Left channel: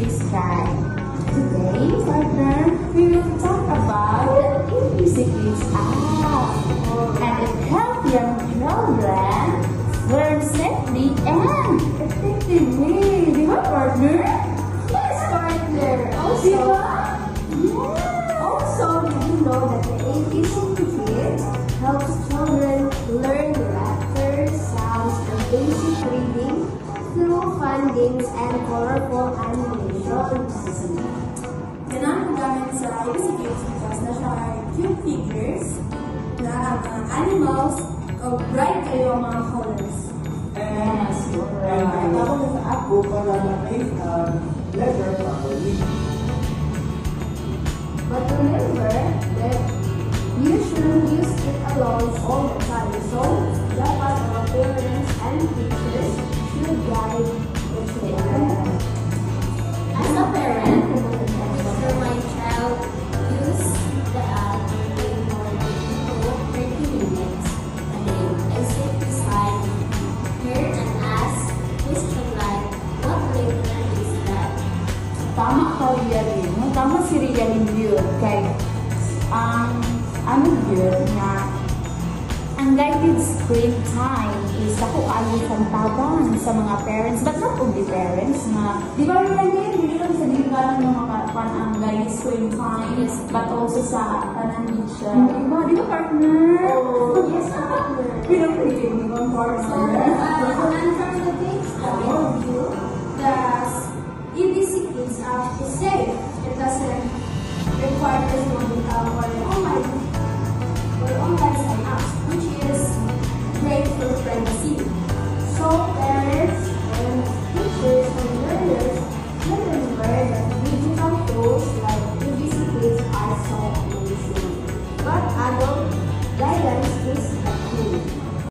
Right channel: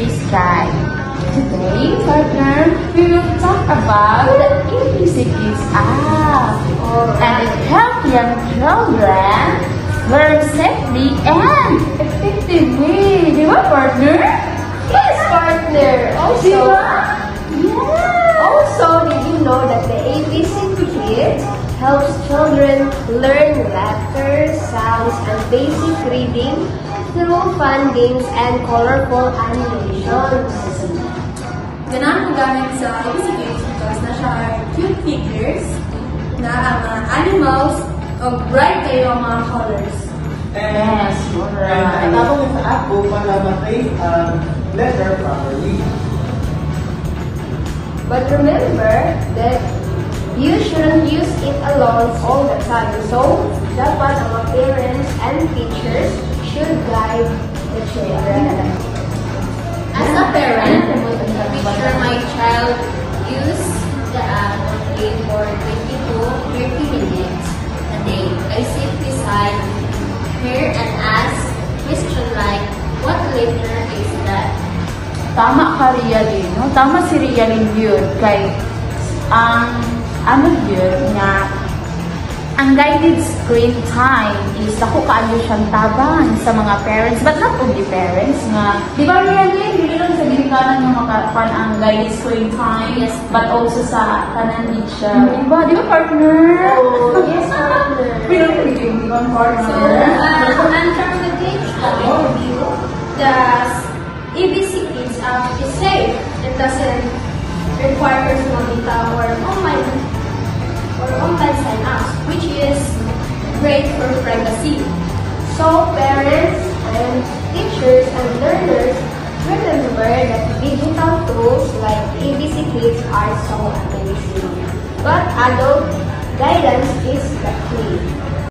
Please try. Today, partner, we will talk about the ABC Kids app. And it helps young children learn safely and effectively. Di ba, partner? Yes, partner. Di ba? Also, did you know that the ABC Kids helps children learn letters, sounds, and basic reading through fun games and colorful animations? Ganang gamit sa ABC Kids because na siya cute figures na mga animals o bright kayo ang mga colors. Yes, And tapos sa app ko para matay letter properly. But remember that you shouldn't use it alone all the time. So, dapat ang mga parents and teachers should guide the children. As a parent, make sure my child use the app only for 20 to 30 minutes a day. I sit beside her and ask questions like, what letter is that? Tama ka, Rialin. No? Tama si Rialin yun. Kay, ano yun nga, ang guided screen time is ako kaano siyang tabang sa mga parents, but not only parents nga. Di ba, Rialin? Hindi lang sa bilikanan ng mga ang guided screen time, yes, but also sa kanan din siya. Di ba, partner? Oh, yes, partner. Really, di ba, partner? So, and from the page overview, the ABC Kids app is safe. It doesn't require personal data or online sign up, which is great for privacy. So, parents and teachers and learners, remember that digital tools like ABC Kids are so amazing. But adult guidance is the key.